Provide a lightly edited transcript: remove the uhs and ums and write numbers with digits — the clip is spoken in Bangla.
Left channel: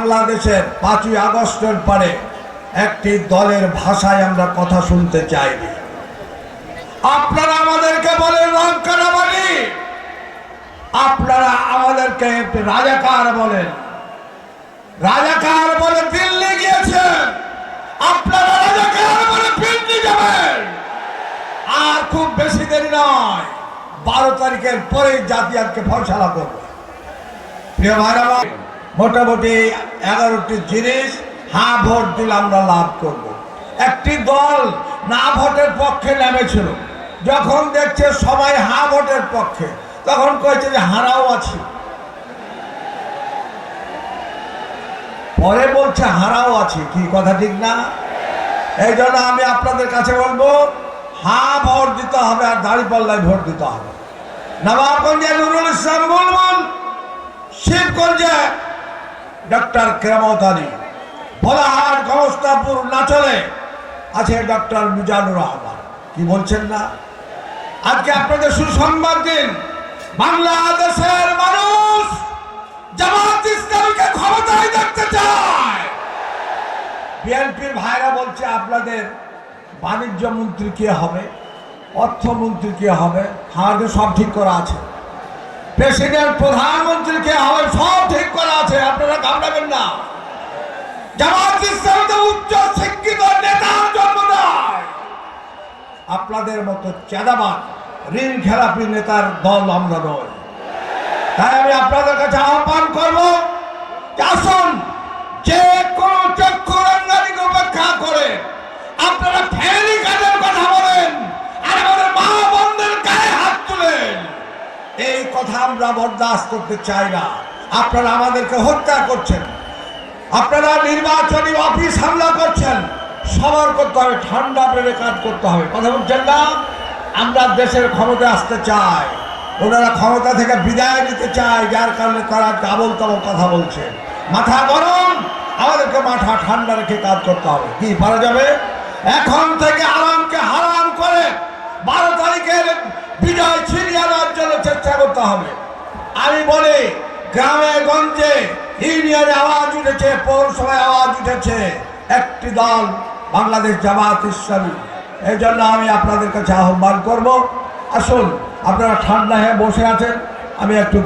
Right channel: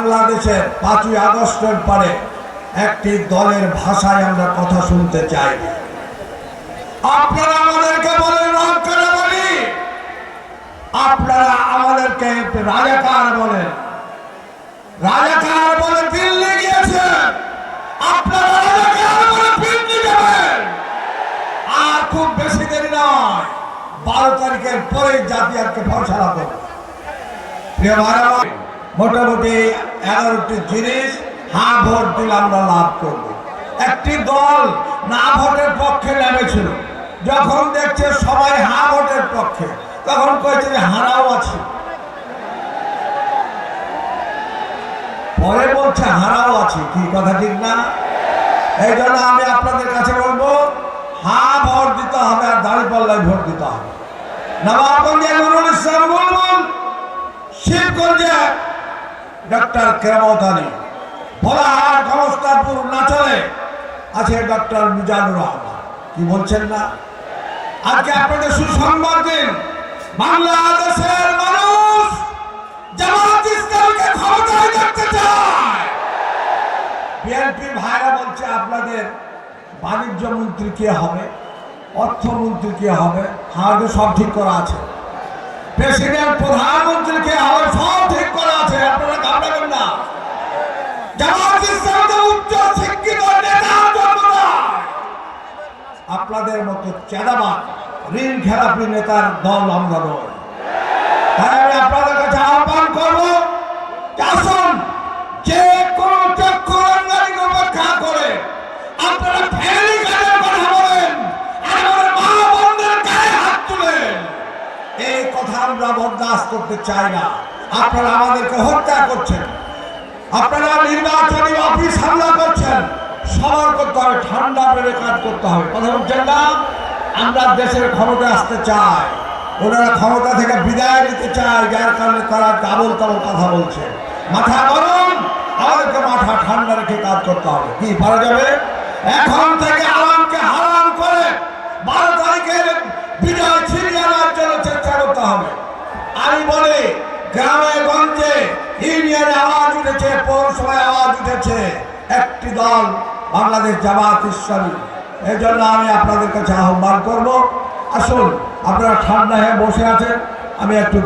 বাংলাদেশের 5ই আগস্টের পরে একটি দলের ভাষায় আমরা কথা শুনতে চাই। আপনারা আমাদেরকে বলেন রংকারাবাড়ি, আপনারা আমাদেরকে রাজাকার বলেন, রাজাকার বলে দিল্লি গিয়েছেন, আপনারা রাজাকার বলে দিল্লি যাবেন। আর খুব বেশি দেরি নয়, 12 তারিখের পরে জাতীয়কে ফয়সালা করবে। প্রিয় ভাইরা, মোটামুটি 11টি জিনিস হ্যাঁ ভোট দিলে আমরা লাভ করব। একটি দল না ভোটের পক্ষে নেমেছিল, যখন দেখছে সবাই হ্যাঁ ভোটের পক্ষে, তখন কয়েছে যে হারাও আছে, পরে বলছে হারাও আছে। কি কথা ঠিক না? এই জন্য আমি আপনাদের কাছে বলবো, হ্যাঁ ভোট দিতে হবে, আর দাঁড়িপাল্লায় ভোট দিতে হবে। নবাবগঞ্জে নুরুল ইসলাম বলবেন, শিবগঞ্জে ডক্টর কেরামত আলী, ভোলাহাট গমস্তাপুর নাচলে আছে ডক্টর মিজানুর রহমান। কি বলছেন না? আজকে আপনাদের সুসংবাদ দিন, বাংলাদেশের মানুষ জামাত ইসলামকে ক্ষমতায় দেখতে চায়। বিএনপির ভাইরা বলছে আপনাদের বাণিজ্য মন্ত্রী কে হবে, অর্থমন্ত্রী কে হবে, আমাদের সব ঠিক করা আছে। প্রেসিডেন্ট, প্রধানমন্ত্রী কে হবে, সব ঠিক করা আছে, আপনারা ঘাবড়াবেন না। জামাত ইসলাম তো উচ্চ শিক্ষিত নেতা জন্ম দেয়, আপনাদের মতো চাঁদাবাজ ঋণ খেলাপি নেতার দল আমরা নয়। তাই আমি আপনাদের কাছে আহ্বান করবো, আসুন যে কোন চক্ষুরঙ্গানিকে উপেক্ষা করে আপনারা ফেরি কাজের কথা বলেন, আর আমাদের মা বোনদের গায়ে হাত তুলেন, এই কথা আমরা বরদাস্ত করতে চাই না। আপনারা আমাদেরকে হত্যা করছেন, আপনারা নির্বাচনী অফিস হামলা করছেন, সবার করতে হবে, ঠান্ডা বেড়ে কাজ করতে হবে। কথা বলছেন না? আমরা দেশের ক্ষমতায় আসতে চাই, ওনারা ক্ষমতা থেকে বিদায় নিতে চায়, যার কারণে তারা ডাবল তাবল কথা বলছে। মাথা গরম, আমাদেরকে মাথা ঠান্ডা রেখে কাজ করতে হবে। কি পারা যাবে? এখন থেকে আরামকে হারাম করে 12 তারিখের বিজয় ছিনিয়ে আনার জন্য চেষ্টা করতে হবে। আমি বলি, গ্রামে গঞ্জে ইউনিয়নে আওয়াজ উঠেছে, পৌরসভায় আওয়াজ উঠেছে, একটি দল বাংলাদেশ জামাত ইসলামী। এই জন্য আমি আপনাদের কাছে আহ্বান করব, আসুন আপনারা ঠান্ডা হয়ে বসে আছেন, আমি একটু